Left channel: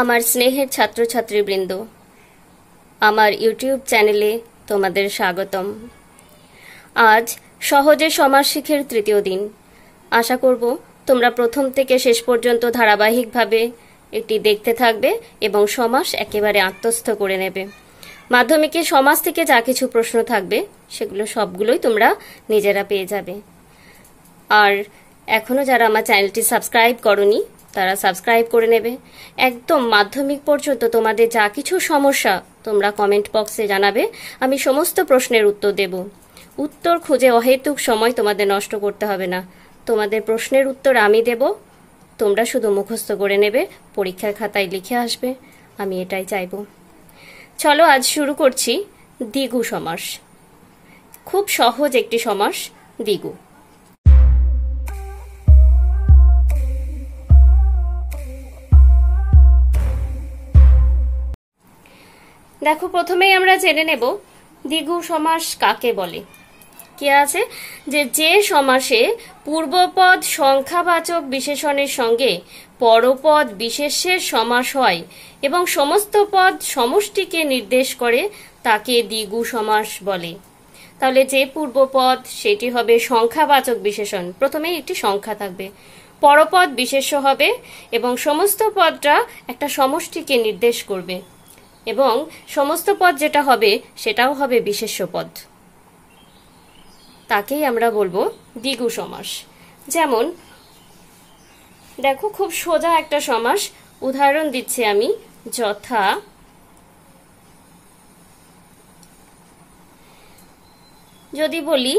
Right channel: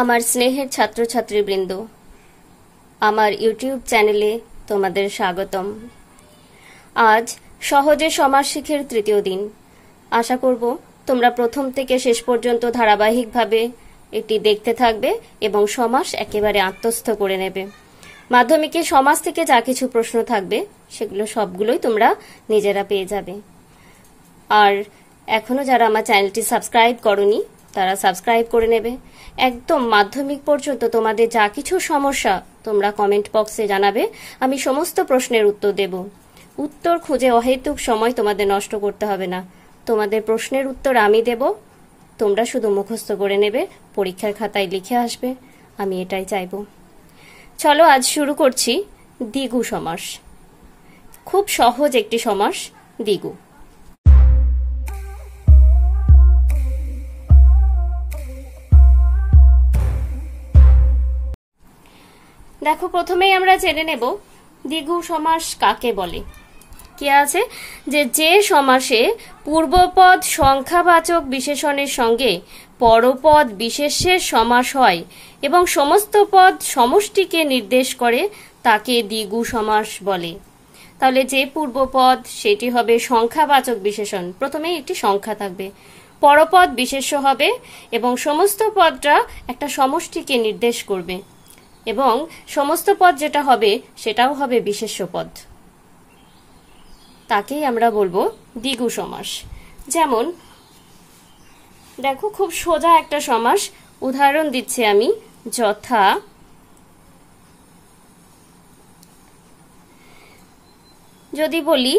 আমার স্নেহের ছাত্রছাত্রীবৃন্দ, আমার ইউটিউব চ্যানেলে তোমাদের স্বাগতম। আজ সহজে সমাস শিখের তৃতীয় দিন। আশা করব তোমরা প্রথম থেকে শেষ পর্যন্ত ধারাবাহিকভাবে এটি দেখতে থাকবে এবং সমাস একেবারে আত্মস্থ করে নেবে। মাধ্যমিকে সমাস থেকে যা কিছু প্রশ্ন থাকবে সেগুলো সবগুলোই তোমরা নিজেরা পেয়ে যাবে। আর এখনো যারা আমার চ্যানেলটি সাবস্ক্রাইব করনি তারা সাবস্ক্রাইব করে নেবে। একদম মাধ্যমিক পর্যন্ত তোমাদের যা কিছু সমস্যা তোমরা কমেন্ট বক্সে জানাবে, আমি সমস্ত প্রশ্নের উত্তর দেব। উত্তর খুঁজে অহেতুক সময় তোমাদের নষ্ট করতে হবে না। তোমাদের প্রশ্নের উত্তর আমি দেব, তোমরা শুধু মুখস্থ করে নেবে, পরীক্ষার খাতায় লিখে আসবে। আমি এটাই চাইব। চলো আজ শুরু করছি দ্বিগু সমাস। খুব সহজ একটি সমাস দ্বিগু। দেখো, প্রথমেই আমরা জেনে নেব দ্বিগু সমাস কাকে বলে। কি আছে যে সমাসে পূর্বপদ সংখ্যাবাচক বিশেষণের সঙ্গে পরপদ বিশেষ্যের সমাস হয় এবং সমস্ত পদ সমষ্টিকে নির্দেশ করে তাকে দ্বিগু সমাস বলে। তাহলে যে পূর্বপদ সেটি হবে সংখ্যাবাচক বিশেষণ, প্রথমে একটি সংখ্যা থাকবে, পরপদ বিশেষ্য হবে এবং সমস্ত পদটা একটা সমষ্টিকে নির্দেশ করবে এবং সমস্ত পদ যেটা হবে সেটাও হবে বিশেষ্য পদ, তাকেই আমরা বলবো দ্বিগু সমাস। যেমন দেখো, খুব সোজা একটা সমাস উদাহরণ দিচ্ছি আমি, যথা যদি বলি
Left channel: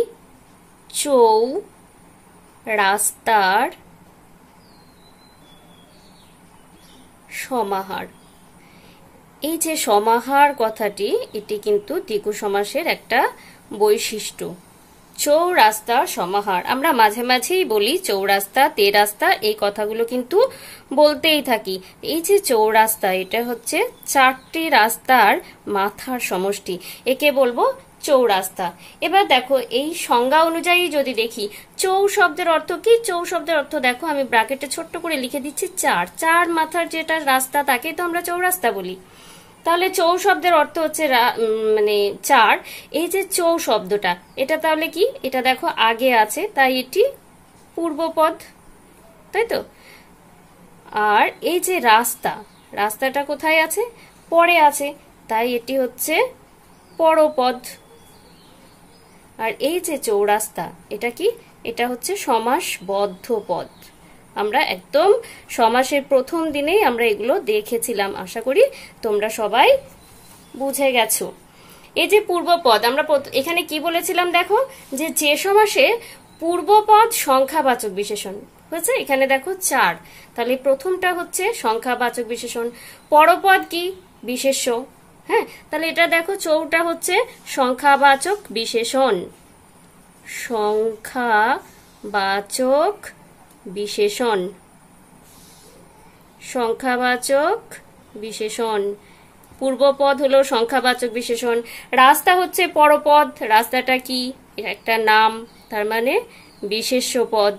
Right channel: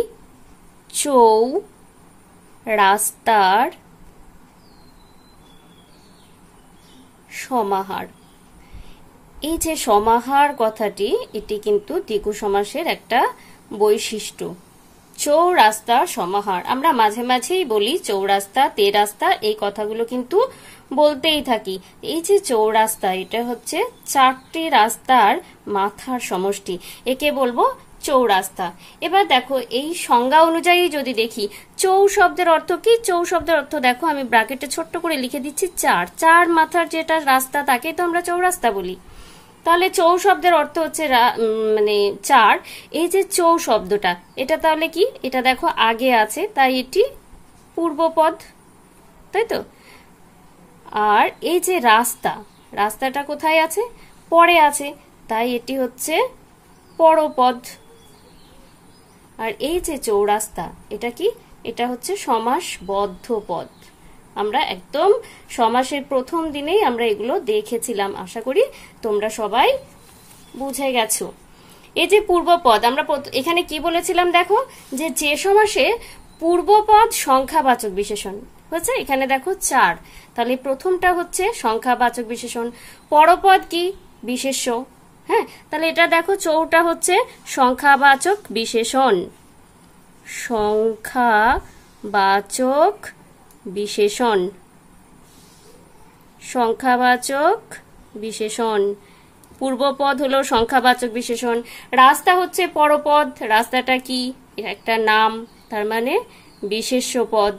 চৌ রাস্তার সমাহার। এই যে সমাহার কথাটি, এটি কিন্তু দ্বিগু সমাসের একটা বৈশিষ্ট্য। চৌরাস্তার সমাহার, আমরা মাঝে মাঝেই বলি চৌরাস্তা, তেরাস্তা, এই কথাগুলো কিন্তু বলতেই থাকি। এই যে চৌরাস্তা, এটা হচ্ছে চারটি রাস্তার মাথার সমষ্টি, একে বলবো চৌরাস্তা। এবার দেখো, এই সংজ্ঞা অনুযায়ী যদি দেখি চৌ শব্দের অর্থ কি, চৌ শব্দের অর্থ দেখো আমি ব্র্যাকেটে ছোট্ট করে লিখে দিচ্ছি, চার মাথার যেটা রাস্তা তাকে তো আমরা চৌরাস্তা বলি। তাহলে চৌ শব্দের অর্থ হচ্ছে মানে চার। এই যে চৌ শব্দটা, এটা তাহলে কি, এটা দেখো আগে আছে তাই এটি পূর্বপদ, তাই তো। আর এই যে রাস্তাটা কোথায় আছে, পরে আছে, তাই এটি হচ্ছে পরপদ। আর এই যে চৌরাস্তা, এটা কি, এটা হচ্ছে সমাসবদ্ধ পদ। আমরা একদম সমাসের প্রথম দিনেই আমরা এগুলো দেখেছিলাম, আশা করি তোমরা সবাই বুঝে গেছো। এই যে পূর্বপদ, আমরা এখানে কি বলেছিলাম দেখো, যে সমাসে পূর্বপদ সংখ্যাবাচক বিশেষণ হচ্ছে, এখানে দেখো চার, তাহলে প্রথমটা হচ্ছে সংখ্যাবাচক বিশেষণ, পরপদ কি বিশেষ্য। হ্যাঁ, তাহলে এটা দেখো চৌটা হচ্ছে সংখ্যাবাচক বিশেষণ, সংখ্যাবাচক বিশেষণ, সংখ্যাবাচক বিশেষণ। পূর্বপদ হলো সংখ্যাবাচক বিশেষণ, রাস্তা হচ্ছে পরপদ, রাস্তাটা কি একটা নাম, তার মানে বিশেষ্য পদ।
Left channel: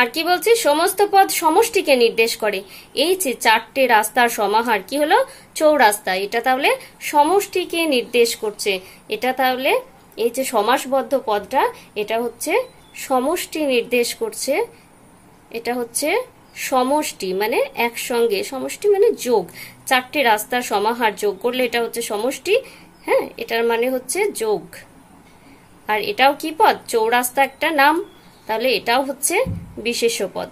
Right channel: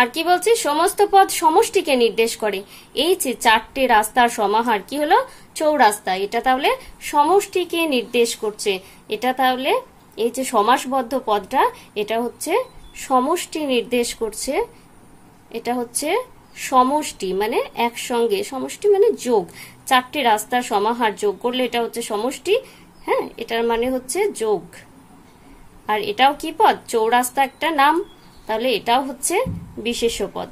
আর কি বলছি, সমস্ত পদ সমষ্টিকে নির্দেশ করে। এই যে চারটে রাস্তার সমাহার কি হলো, চৌরাস্তা, এটা তাহলে সমষ্টিকে নির্দেশ করছে। এটা তাহলে এই যে সমাসবদ্ধ পদটা, এটা হচ্ছে সমষ্টি নির্দেশ করছে, এটা হচ্ছে সমষ্টি মানে একসঙ্গে, সমষ্টি মানে যোগ, চারটি রাস্তার সমাহার যোগ করলে এটা হচ্ছে সমষ্টি। হ্যাঁ, এটার মানে হচ্ছে যোগ। আর এটাও কি পদ, চৌরাস্তা একটা নাম, তাহলে এটাও হচ্ছে বিশেষ্য পদ।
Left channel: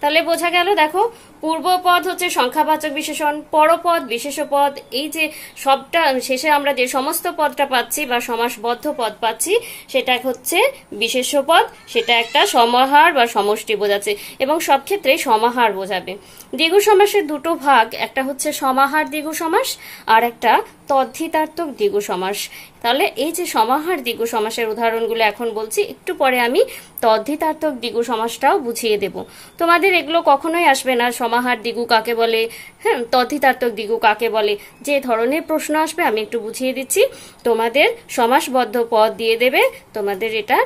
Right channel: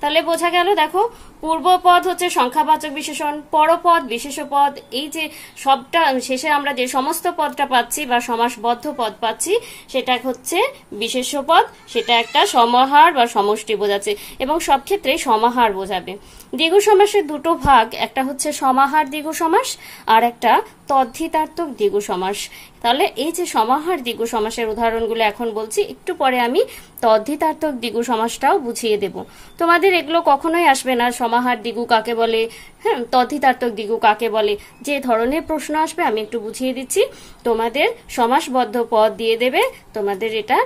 তাহলে বোঝা গেল, দেখো পূর্বপদ হচ্ছে সংখ্যাবাচক বিশেষণ, পরপদ বিশেষ্য পদ। এই যে সবটা শেষে আমরা যে সমস্ত পদটা পাচ্ছি বা সমাসবদ্ধ পদ পাচ্ছি সেটা হচ্ছে বিশেষ্য পদ, সেটা একটা সমাহার বা সমষ্টি বোঝাচ্ছে এবং সব ক্ষেত্রে সমাহার বোঝাবে। দ্বিগু সমাসের দুটো ভাগ, একটা হচ্ছে সমাহার দ্বিগু সমাস আর একটা তদ্ধিতার্থক দ্বিগু সমাস। তাহলে এই যে সমাহার দ্বিগু সমাসের উদাহরণগুলো এখন বলছি, একটু পরে আমি তদ্ধিতার্থক দ্বিগু সমাসটাও বুঝিয়ে দেব। তোমাদের এগুলো কখনোই আসবে না, সমাহার দ্বিগু কাকে বলে, হ্যাঁ তদ্ধিতার্থক দ্বিগু কাকে বলে, যে ধরনের প্রশ্ন আসবে আমি একটু বুঝিয়ে দিচ্ছি। তোমাদের সমাসবদ্ধ পদ দিয়ে দেবে, তোমাদের এটা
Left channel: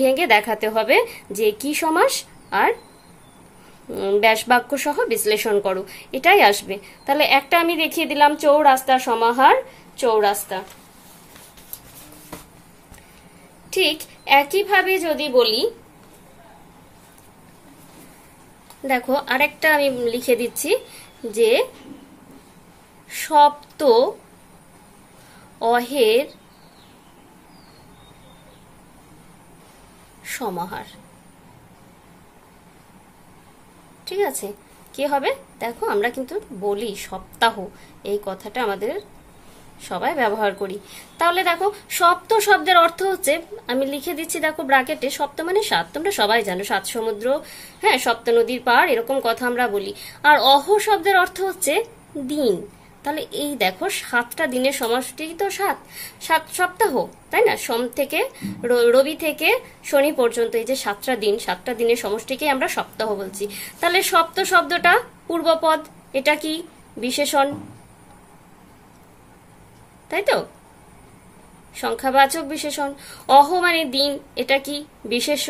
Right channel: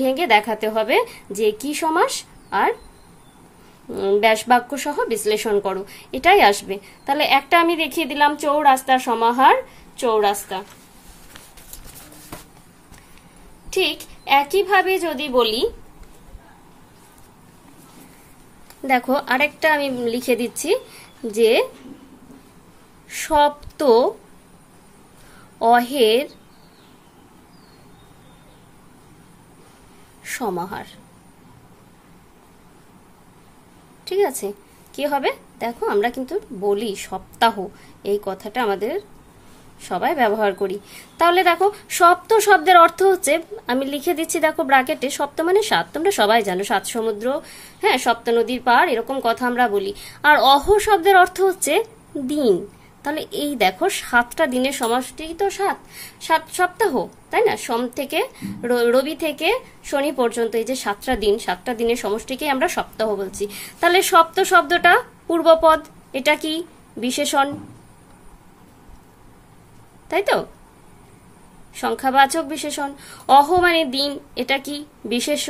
ভেঙে দেখাতে হবে যে কি সমাস আর ব্যাস বাক্য সহ বিশ্লেষণ করো, এটাই আসবে। তাহলে একটা আমি দেখিয়ে দিলাম, চৌরাস্তা সমাহার, চৌরাস্তা। ঠিক একইভাবে যদি বলি, দেখো আরেকটা আমি লিখে দিচ্ছি যে সপ্ত অহের সমাহার। ঠিক আছে, কি হবে দেখো, আমরা কিন্তু বলি সপ্তাহ, এই কথাটা আমাদের সবাই ব্যবহার করি। তাহলে দেখো সপ্ত শব্দের অর্থ হচ্ছে, আমি লিখে দিচ্ছি দেখো ব্র্যাকেটে, সপ্ত মানে 7, তোমরা সবাই জানো 7 সমুদ্র, হ্যাঁ, সপ্ত নদীর পার, এরকম কথা আমরা বলি। আর অহ শব্দের অর্থ হচ্ছে দিন। তাহলে এই দেখো 7টা দিনের সমষ্টি তো 7 সপ্তাহ, তাই না? সোম থেকে রবি থেকে শনি পর্যন্ত এই যে 7টা দিন, 7টা দিনের সমষ্টিকে আমরা সপ্তাহ বলছি। তাহলে সপ্ত শব্দটা পূর্বপদ, এটা কি বিশেষণ, তাই তো, সংখ্যাবাচক বিশেষণ। অহ মানে দিন, এটা কি বিশেষ্য।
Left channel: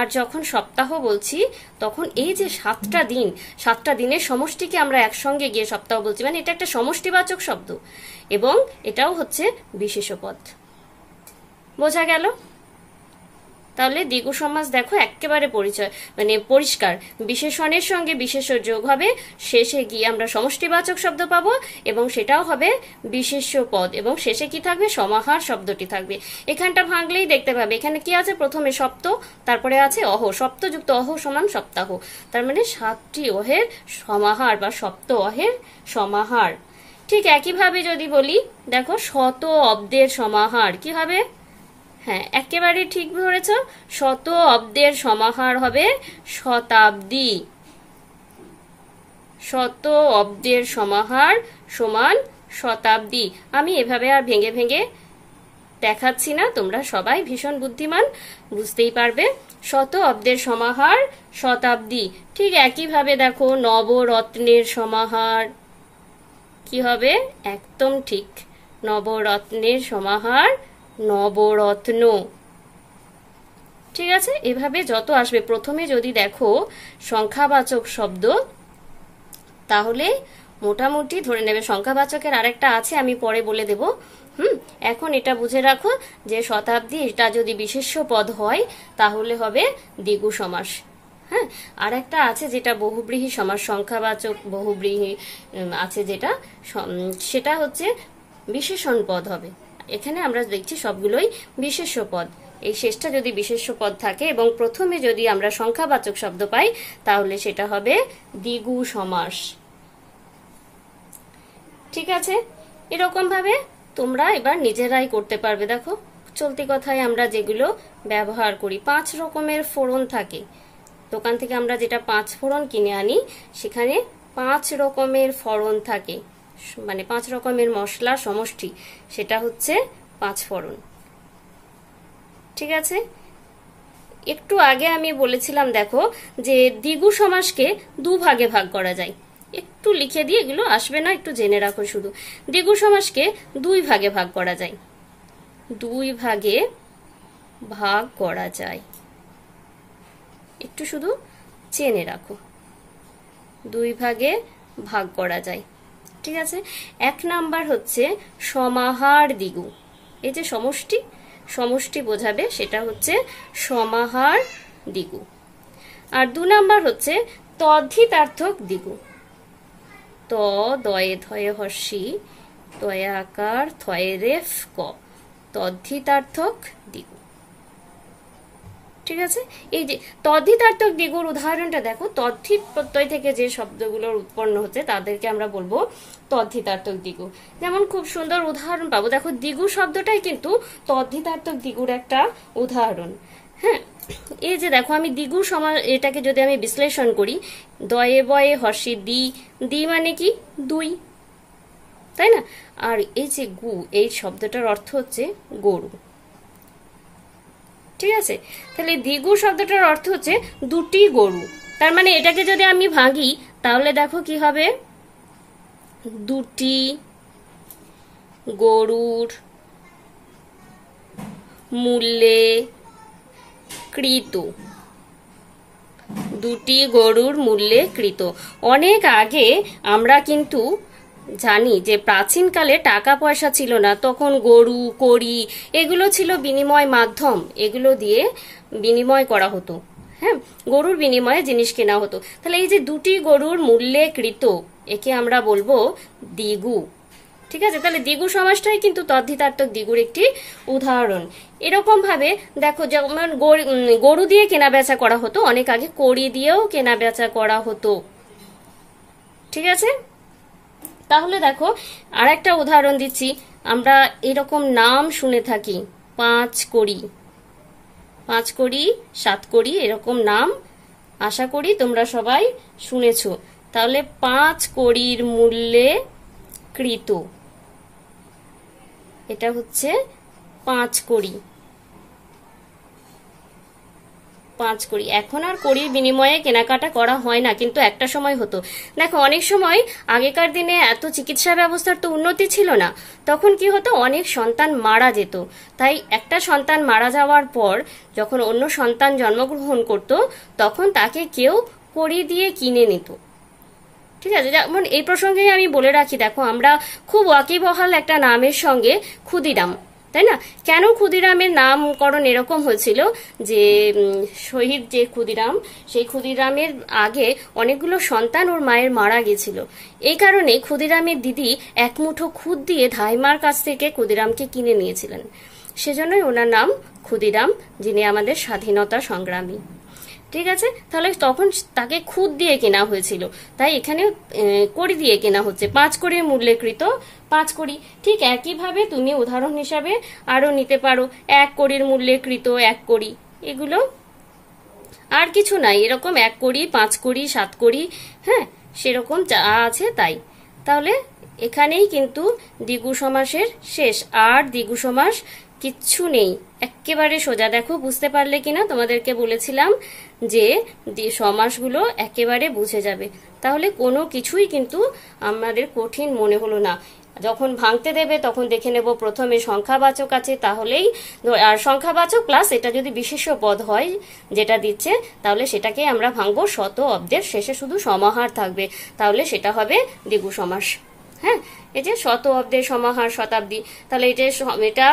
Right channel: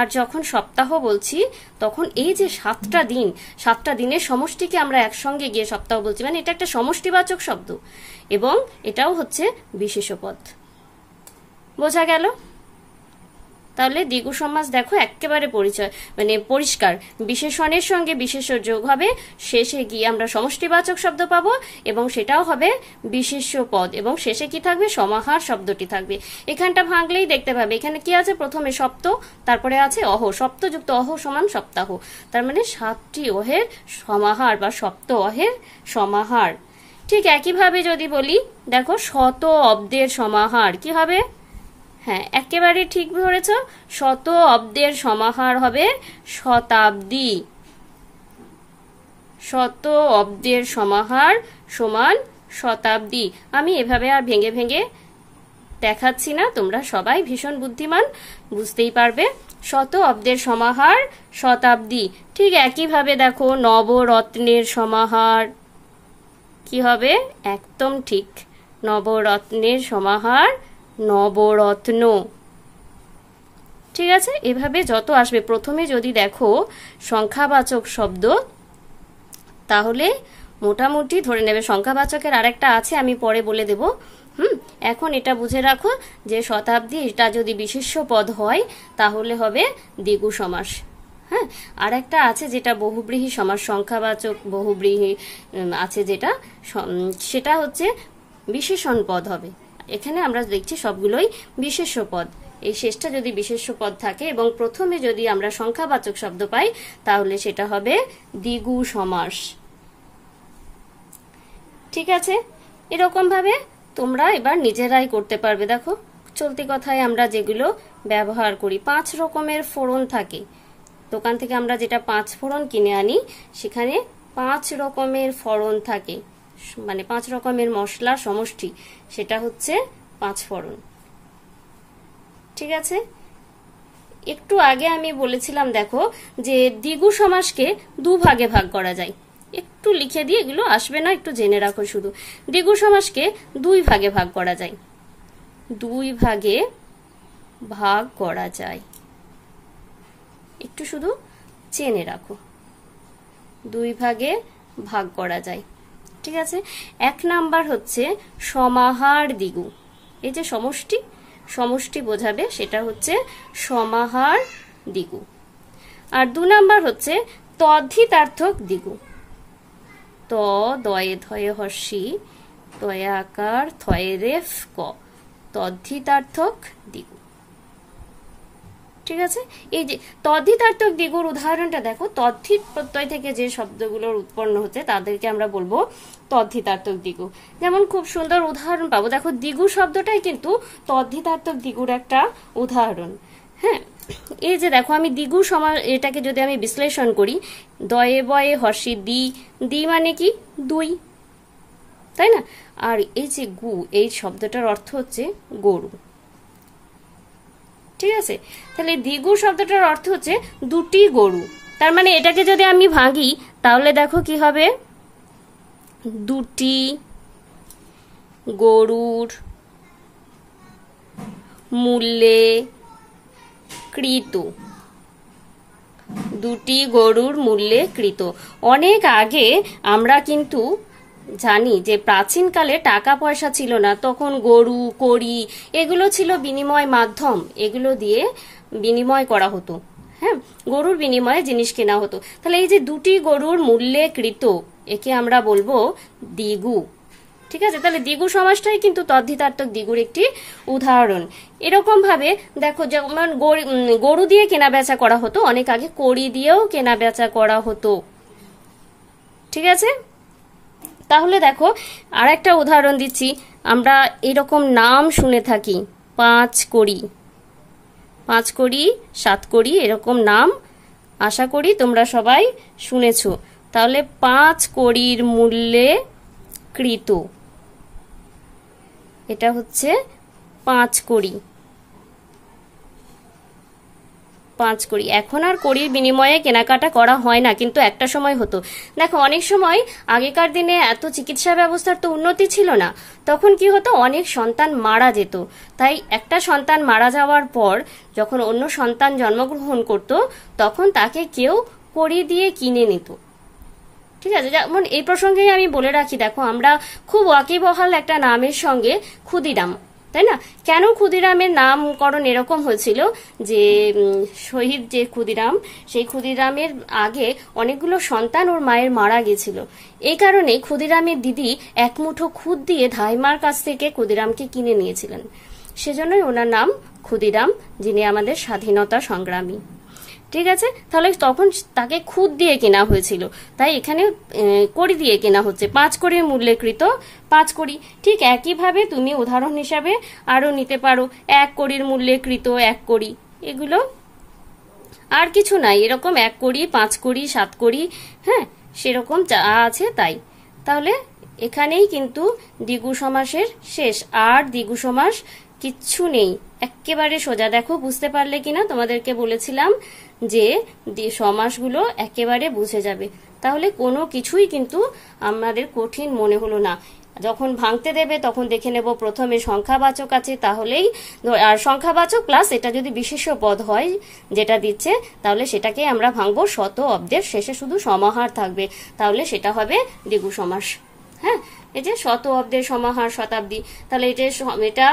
আর যখন সপ্তাহ বলছি তখন এই যে 7টা দিন, 7টা দিনের সমষ্টিকে আমরা একসঙ্গে গিয়ে সপ্তাহ বলছি, মানে এটা একটা সমষ্টিবাচক শব্দ এবং এটাও হচ্ছে বিশেষ্য পদ। বোঝা গেল? তাহলে দ্বিগু সমাস দেখো একেবারে পরিচয় মানে পরিষ্কার, বিশেষণের সঙ্গে বিশেষ্য যোগ হবে, শেষে গিয়ে আমরা সমষ্টিবাচক শব্দ পাবো এবং সেটাও হবে বিশেষ্য পদ, এবং শেষে কি থাকবে, সমাহার শব্দটি থাকবে। এখানটা ভাঙলেই দেখতে পাবে এখানে কি আছে, প্রথমে সপ্ত, তারপরে আছে অহ, সপ্ত যুক্ত অহ সমান সপ্তাহ, তার মানে 7টি অহের সমাহার বা সপ্ত অহের সমাহার। ঠিক একইভাবে যদি বলি, দেখো শত অব্দের সমাহার, কি হবে, হ্যাঁ একেবারে ঠিক ধরেছ, শত অব্দের সমাহার হবে শতাব্দী। শত অব্দের সমাহার সমান শতাব্দী। আমি এভাবে আর ভেঙে ভেঙে দেখাচ্ছি না, তোমরা সবাই ভীষণ বুদ্ধিমান, বুঝতেই পারবে। শত অব্দের সমাহার শতাব্দী। ঠিক একইভাবে দেখো নবরত্নের সমাহার, কি হবে, একদম ঠিক, নবরত্নের সমাহার নবরত্ন। ঠিক আছে, এভাবে যত আসবে, প্রথমে যদি দেখো সংখ্যাবাচক শব্দ, তাহলে মোটামুটি ধরে নেবে। সংখ্যাবাচকের আরেকটা আছে, আমি পরে বলে দেব। এখন এটা বুঝে রাখো যে শতাব্দী, এটা যদি বিশেষ্য পদ হয় তাহলে হবে দ্বিগু সমাস। হ্যাঁ, আর একটা আছে যেটা বহুব্রীহি সমাস, সংখ্যাবাচক বহুব্রীহি আছে যেটা, সেটা হচ্ছে বিশেষণ পদ হবে। এখানে আমরা দেখছি সবগুলোই বিশেষ্য পদ। এই শেষটা যদি বিশেষ্য পদ থাকে এবং প্রথমে যদি আমরা সংখ্যাবাচক শব্দ পাই তাহলে সেটা হবে দ্বিগু সমাস। ঠিক আছে, এরকম ভাবে তোমরা এবার নিজেরাই করতে পারবে। দেখো চলতি কথায় আমরা যেগুলো ব্যবহার করি, 5 রকমের ফোড়ন থাকে, দোকান থেকে আমরা যেটা 5 ফোড়ন কিনে আনি, সেখানে 5 রকমের ফোড়ন থাকে, মানে 5 রকমের মশলা সমষ্টি, সেটা হচ্ছে 5 ফোড়ন। ঠিক আছে, একটু আগে আমি বলেছিলাম দেখো যে দ্বিগু সমাসকে 2 ভাগে ভাগ করা যায়। একটু লিখে দিয়ে, এগুলো আসবে না, একটু জেনে রাখো শুধু। দ্বিগু সমাসকে 2 ভাগে ভাগ করা যায়, 2 ভাগে ভাগ করা যায়, একটু শুধু জেনে রাখো, 2 ভাগে ভাগ করা যায়। ঠিক আছে, 1 নাম্বার হচ্ছে সমাহার দ্বিগু, এই যে সমষ্টি, সমষ্টি বোঝাবে, সেটা হচ্ছে সমাহার দ্বিগু। আর 2 নাম্বার হচ্ছে তদ্ধিতার্থক দ্বিগু, ত দয়ে ধয়ে হর্ষি তয়ে আকার থয়ে রেফ ক, তদ্ধিতার্থক দ্বিগু। ঠিক আছে, এই যে তদ্ধিতার্থক দ্বিগুর উদাহরণটা দেখো, তদ্ধিত প্রত্যয় থেকে যে শব্দগুলোর উৎপন্ন হচ্ছে তাদেরকে আমরা বলবো তদ্ধিতার্থক দ্বিগু। যেমন খুব সুন্দর উদাহরণ পাবো, দেখো দ্বিগু শব্দটাই কিন্তু তদ্ধিতার্থক দ্বিগুর একটা উদাহরণ। হ্যাঁ, এই যে দেখো আমি দ্বিগু সমাস, এটাকে যদি আমি বিশ্লেষণ করি, দয়ে বয়ে হর্ষি দি, দি মানে কি 2, তাই না? আর এই যে গু, এই শব্দটার অর্থ হচ্ছে গরু। ঠিক আছে, তাহলে দ্বিগু শব্দটার অর্থ হচ্ছে 2টি গরু। তার মানে এটাকে যদি আমি ভাঙি তাহলে দেখো কি হবে, 2টি গরুর মূল্যে কৃত, দুটি গরুর মূল্যে কৃত। অনেক আগে আমরা কিন্তু জানি যে প্রাচীনকালে টাকা পয়সা ছিল না, তখন গরু কড়ি এগুলো ছিল বিনিময় মাধ্যম, এগুলো দিয়ে বিনিময় করা হতো। হ্যাঁ, গরুর বিনিময়ে জিনিস কেনা হতো। তাহলে এই যে দুটি গরুর মূল্যে কৃত, একে আমরা বলবো দ্বিগু। ঠিক আছে, তাহলে দ্বিগু সমাসটাই কিন্তু তদ্ধিতার্থক দ্বিগুর একটি উদাহরণ। এরকম ভাবে দেখো, যেমন গরু দিয়ে কেনা বেচা করা হতো, অনেক আগে কড়ি দিয়েও কেনা বেচা করা হতো। ঠিক আছে, তাহলে দেখো আর একটা উদাহরণ দিচ্ছি। আমরা এরকম নাম শুনে থাকি, 5 কড়ি, 5 কড়ি, 7 কড়ি, এরকম নাম আশা করি তোমরা সবাই শুনেছো। তাহলে 5 কড়ির মূল্যে কৃত, এটা হচ্ছে 5 কড়ি, 5 কড়ি। এখন আর কড়ির বিনিময়ে কেনাকাটা করা হয় না, কিন্তু একটা সময় হতো। দেখো অনেক সময় আগেকার দিনে এত চিকিৎসা ব্যবস্থার তো উন্নতি ছিল না, তখন কি হতো, অনেক সন্তান মারা যেত। তাই একটা সন্তান মারা যাওয়ার পর যখন অন্য সন্তান জন্মগ্রহণ করত, তখন তাকে কেউ কড়ি দিয়ে কিনে নিত। ঠিক আছে, যেমন এই প্রসঙ্গে আমি বলে রাখি, দেখো আমরা খুব ওয়াকিবহাল একটা নামের সঙ্গে ক্ষুদিরাম, তাই না? কেন ক্ষুদিরামের নামকরণ এরকম হয়েছিল, যে শহীদ যে ক্ষুদিরাম, সেই ক্ষুদিরামের আগে অনেকগুলো সন্তান ওর মায়ের মারা গেছিল। এই কারণে ক্ষুদিরামের দিদি এক মুঠো খুদ দিয়ে ধাইমার কাছ থেকে ক্ষুদিরামকে কিনে নিয়েছিলেন। সেজন্যই ওনার নাম ক্ষুদিরাম, যিনি আমাদের স্বাধীনতা সংগ্রামী। ঠিক আছে, তাহলে তখন তাকে খুদ দিয়ে কেনা হয়েছিল, তাই এখানে কড়ি দিয়ে কেনা হচ্ছে। 5 কড়ির মূল্যে কৃত 5 কড়ি। ঠিক একইভাবে তুমি উদাহরণ হিসাবে আরো নিতে পারো, 1 কড়ির মূল্যে কৃত 1 কড়ি। এগুলো আর কিছু নাই, এরকম 1 কড়ি, 5 কড়ি, 7 কড়ি, হ্যাঁ, সেরকম যা আছে তাই। তাহলে এখানেই কিন্তু দ্বিগু সমাসের শেষ, আর দ্বিগু সমাস কিচ্ছু নেই, একেবারে সোজা। দেখো বুঝতে পারলে কিনা, তোমাদেরকে বলেছিলাম যে সমাসগুলো একেবারে বুঝে যাবে, তাহলে কোনো কিছুই কিন্তু আমাদের কঠিন মনে হলো না। যখন ভাঙতে দেবে তখন দেখে নেব প্রথমে সংখ্যাবাচক আছে, তাহলেই আর সংখ্যাবাচক প্লাস এটা যদি বিশেষ্য পদ হয় যেটা দিচ্ছে, তাহলে সেটাকে আমরা ভাঙবো শত অব্দের শেষে শুধু সমাহার থাকবে, তাহলে সেটা হবে দ্বিগু সমাস। হ্যাঁ, এই যে শত অব্দের সমাহার শতাব্দী, তাহলে এটা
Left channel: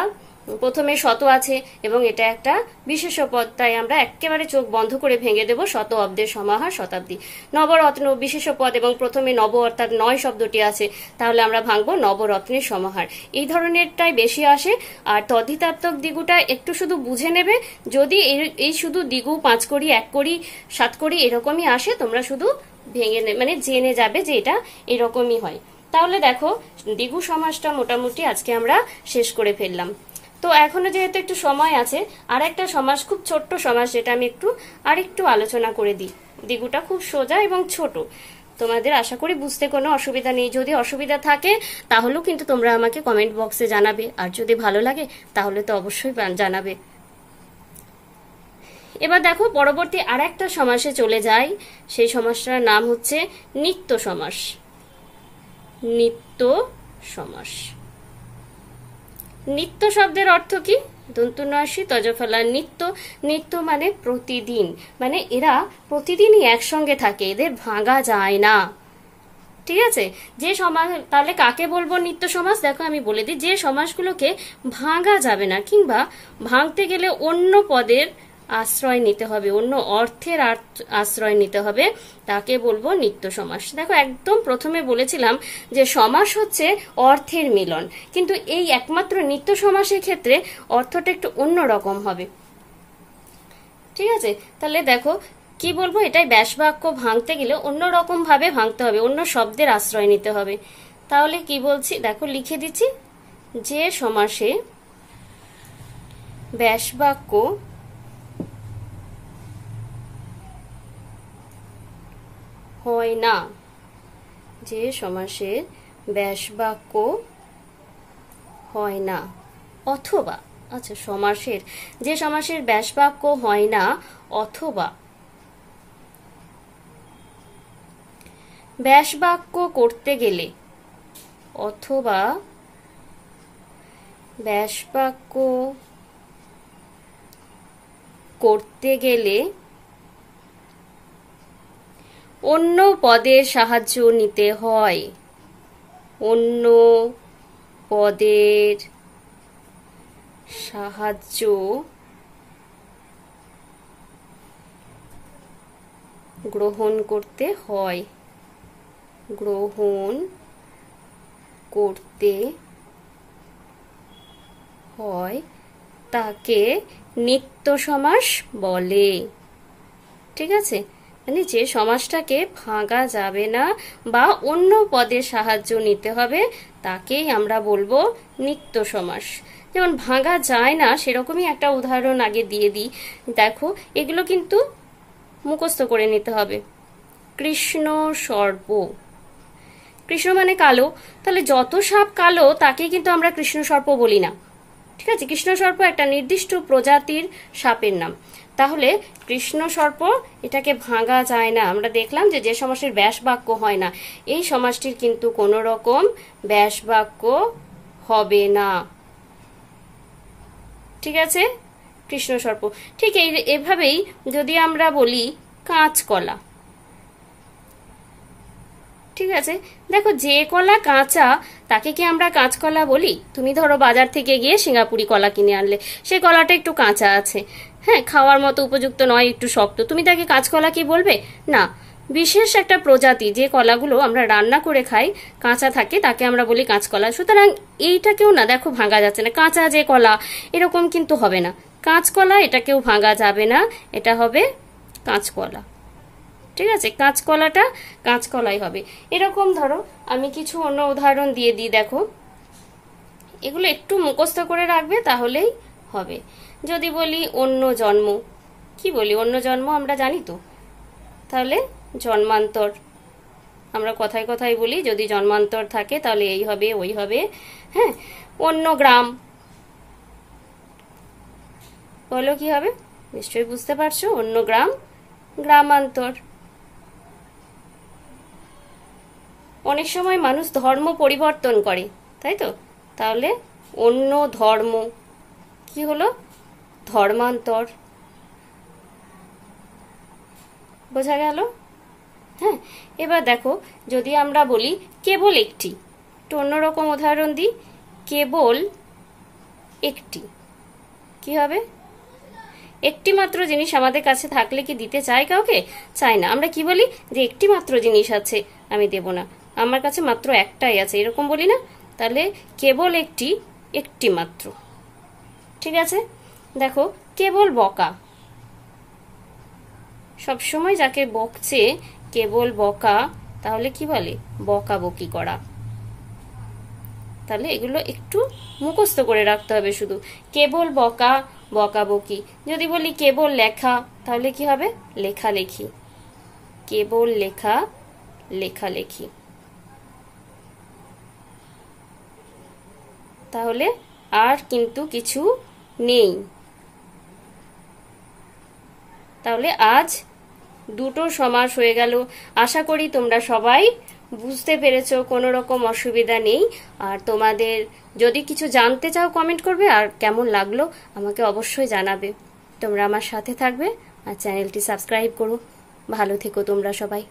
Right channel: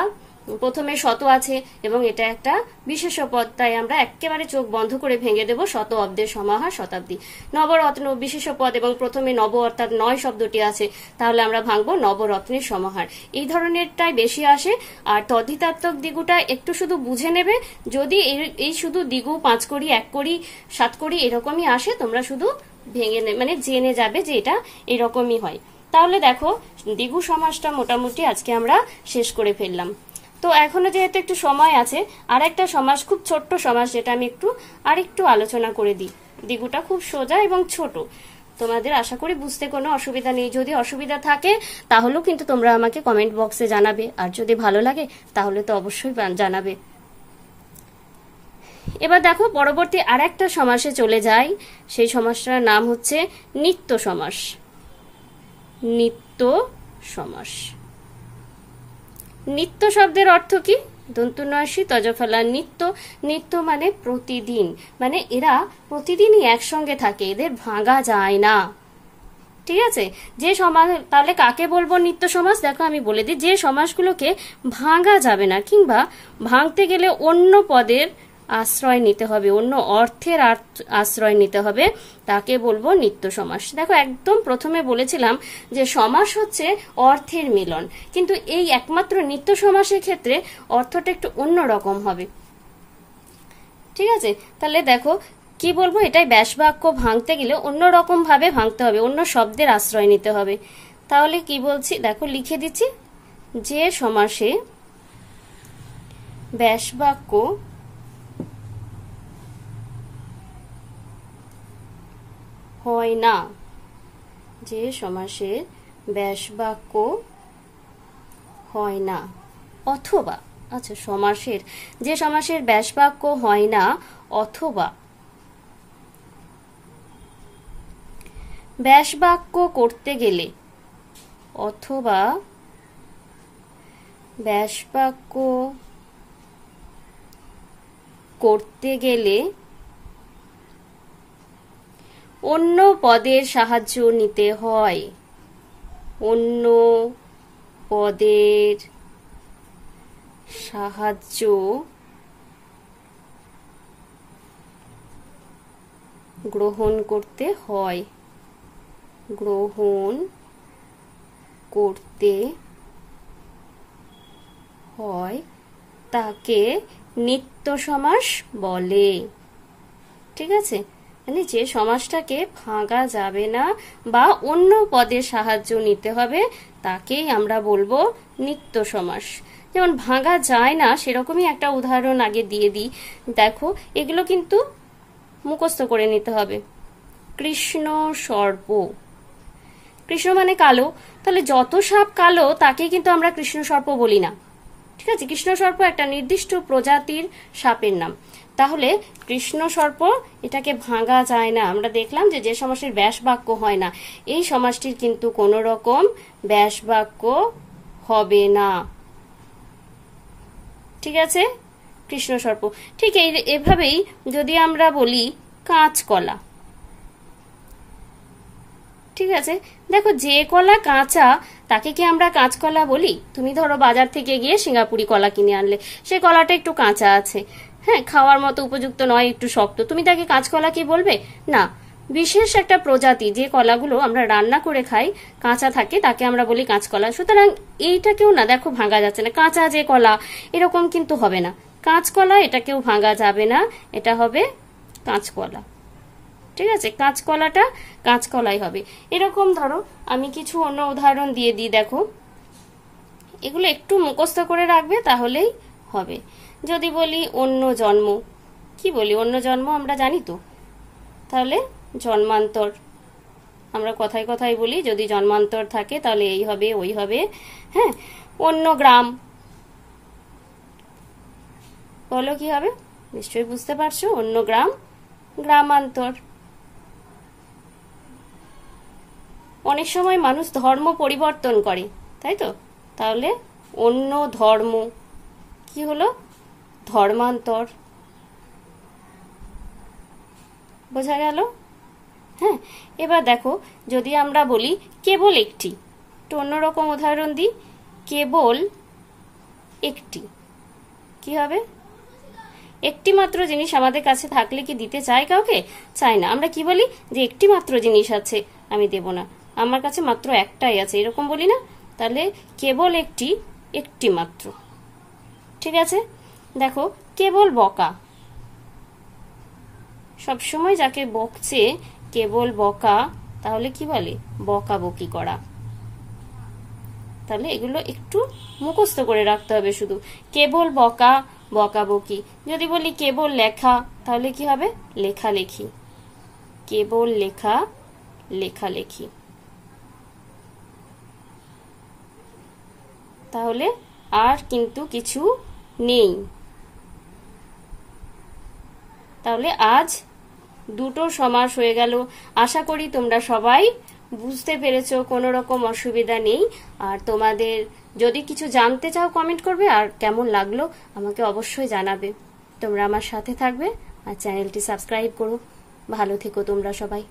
প্রথমে শত আছে এবং এটা একটা বিশেষ্য পদ, তাই আমরা একেবারে চোখ বন্ধ করে ভেঙে দেব শত অব্দের সমাহার শতাব্দী। নবরত্ন বিশেষ্য পদ এবং প্রথমে নব অর্থাৎ 9 শব্দটি আছে, তাহলে আমরা ভাঙবো নবরত্নের সমাহার। এই ধরনেরটাই বেশি আসে। আর তদ্ধিতাত্মক দ্বিগুটা একটু শুধু বুঝে নেবে, যদি এই শুধু দ্বিগু 5 কড়ি, 1 কড়ি, 7 কড়ি এরকমই আসে, তোমরা শুধু ভেঙে মানে জেনে যাবে যে এটা এরকমই হয়। তাহলে দেখো দ্বিগু সমাসটা মোটামুটি আজকে আমরা শেষ করে ফেললাম। তো এখনো যেহেতু একটু সময় আছে, আর একটা সমাস, খুব ছোট্ট সমাস, যেটা আমি আরেকটু আলোচনা করে দিই। দ্বিগুটা খুব সোজা এবং ছোট, তোমাদের আশা করি বুঝতে কোনো অসুবিধা নেই। যদি অসুবিধা থাকে তাহলেও কিন্তু তোমরা আমাকে কমেন্ট বক্সে জানাবে, আর যদি ভালো লাগে তাহলে তো অবশ্যই জানাবে। এবার দেখো পরবর্তী আর একটা সমাসে চলে যাই, সেই সমাসটার নাম হচ্ছে নিত্য সমাস। নিত্য সমাস। নিত্য শব্দের অর্থ কি? দন্তুনসী তজফলা নিত্য। নিত্য মানে প্রতিদিন, মানে এরা প্রতিদিনই একসঙ্গে থাকে, এদের ভাঙা যায় না। ঠিক আছে, যে সমাস, তাহলে কাকে বলবো নিত্য সমাস? দেখো আমি বলে দিই, যে সমাসগুলোকে ভাঙা যাবে না, কিংবা ভাঙতে গেলে অন্য পদের আশ্রয় নিতে হবে, অন্য অর্থের আশ্রয় নিতে হবে, তাকে বলবো নিত্য সমাস। দেখো একদম প্রথমে বলেছিলাম যে সমাস হচ্ছে অর্থের মিলন, কিন্তু এই একমাত্র নিত্য সমাসের ক্ষেত্রে অর্থটা একটু অন্য রকম হবে। ঠিক আছে, তাহলে দেখো কি বলবো, এটাই ব্যাস বাক্য ভাঙতে গেলে অন্য রকম ভাবে ভাঙতে হবে, অন্য শব্দের আশ্রয় নিতে হবে। তাহলে কি বলছি দেখো, লিখে দিচ্ছি, যে সমাসে ব্যাস বাক্য হয় না, যে সমাসে ব্যাস বাক্য হয় না, অথবা, আচ্ছা সমাসের, যে সমাসের ব্যাস বাক্য হয় না অথবা ব্যাস বাক্য করতে গেলে, অথবা ব্যাস বাক্য করতে গেলে অন্য পদের সাহায্য নিতে হয়। অন্য পদের সাহায্য গ্রহণ করতে হয়। গ্রহণ করতে হয় তাকে নিত্য সমাস বলে। ঠিক আছে, মানে যে সমাসটাকে ভাঙা যাবে না বা অন্য পদের সাহায্য নিতে হবে তাকেই আমরা বলবো নিত্য সমাস। যেমন ভাঙা যায় না সেরকমই একটা উদাহরণ আগে দিয়ে দিই। দেখো, এগুলো কিন্তু মুখস্থ করে নিতে হবে। কৃষ্ণ সর্প, কৃষ্ণ মানে কালো, তাহলে যত সাপ কালো তাকে কিন্তু আমরা কৃষ্ণ সর্প বলি না। ঠিক আছে, কৃষ্ণ সর্প একটা নির্দিষ্ট প্রজাতির সাপের নাম। তাহলে কৃষ্ণ সর্প এটাকে ভাঙা যায় না। আমরা দেখলাম যে সমাসের ব্যাস বাক্য হয় না, এই সমাসটির কিন্তু কোনো রকম ব্যাস বাক্য হবে না। ঠিক আছে, কৃষ্ণ সর্প। ঠিক এভাবেই যদি আমরা বলি কাঁচকলা, ঠিক আছে, দেখো যে কলা কাঁচা তাকে কি আমরা কাঁচকলা বলি? তুমি ধরো বাজার থেকে গিয়ে সিঙ্গাপুরি কলা কিনে আনলে, সেই কলাটা একটু কাঁচা আছে, হ্যাঁ, খাওয়ার মতো উপযুক্ত নয়, একটু শক্ত, তুমি তাকে কাঁচকলা কি বলবে? না। বিশেষ একটা প্রজাতি যে কলাগুলো আমরা রান্না করে খাই কাঁচা থাকে তাকে আমরা বলি কাঁচকলা। সুতরাং এইটাকেও না দেখো ভাঙা যাচ্ছে না, কাঁচা যে কলা এরকম কিন্তু হবে না। কাঁচকলা এটাকেও ভাঙা যাবে না, এটা হবে কাঁচকলা। ঠিক আছে, কাঁচকলাটা কাঁচকলাই হবে। এরকম ধরো আমি কিছু অন্য উদাহরণ দিয়ে দিই। দেখো, এগুলো একটু মুখস্থ করে রাখবে তাহলেই হবে। যদি বলি অন্য জন্ম, কি বলি? অন্য জন্ম আমরা জানি তো, তাহলে জন্মান্তর। আমরা কথায় কথায় বলি যদি জন্মান্তর থাকে তাহলে এই হবে ওই হবে। হ্যাঁ, অন্য গ্রাম, বলো কি হবে? নিশ্চয়ই বুঝতে পারছো, অন্য গ্রাম গ্রামান্তর। অনেক সময় মানুষ ধর্ম পরিবর্তন করে, তাই তো, তাহলে অন্য ধর্ম কি হলো? ধর্মান্তর। বোঝা গেল? হ্যাঁ, এবার দেখো যদি আমরা বলি কেবল একটি, একটু অন্যরকম উদাহরণ দিই। কেবল একটি কি হবে? একটি মাত্র জিনিস আমাদের কাছে থাকলে কি দিতে চাই কাউকে? চাই না। আমরা কি বলি? যে একটি মাত্র জিনিস আছে, আমি দেব না, আমার কাছে মাত্র একটাই আছে, এরকম বলি না? তাহলে কেবল একটি, একটি মাত্র। ঠিক আছে, দেখো কেবল বকা, সবসময় যাকে বকছে কেবল বকা, তাহলে কি বলে? বকাবকি করা। তাহলে এগুলো একটু মুখস্থ করে রাখতে হবে শুধু। কেবল বকা, বকাবকি। যদি বলি কেবল লেখা, তাহলে কি হবে? লেখালেখি। কেবল লেখা, লেখালেখি। তাহলে আর কিন্তু কিছু নেই। তাহলে আজ দুটো সমাস হয়ে গেল। আশা করি তোমরা সবাই বুঝতে পেরেছো, কোনো রকম অসুবিধা নেই। আর তোমাদের যদি কিছু জানতে চাও কমেন্ট করবে, আর কেমন লাগলো আমাকে অবশ্যই জানাবে। তোমরা আমার সাথে থাকবে আর চ্যানেলটি সাবস্ক্রাইব করো। ভালো থেকো তোমরা সবাই।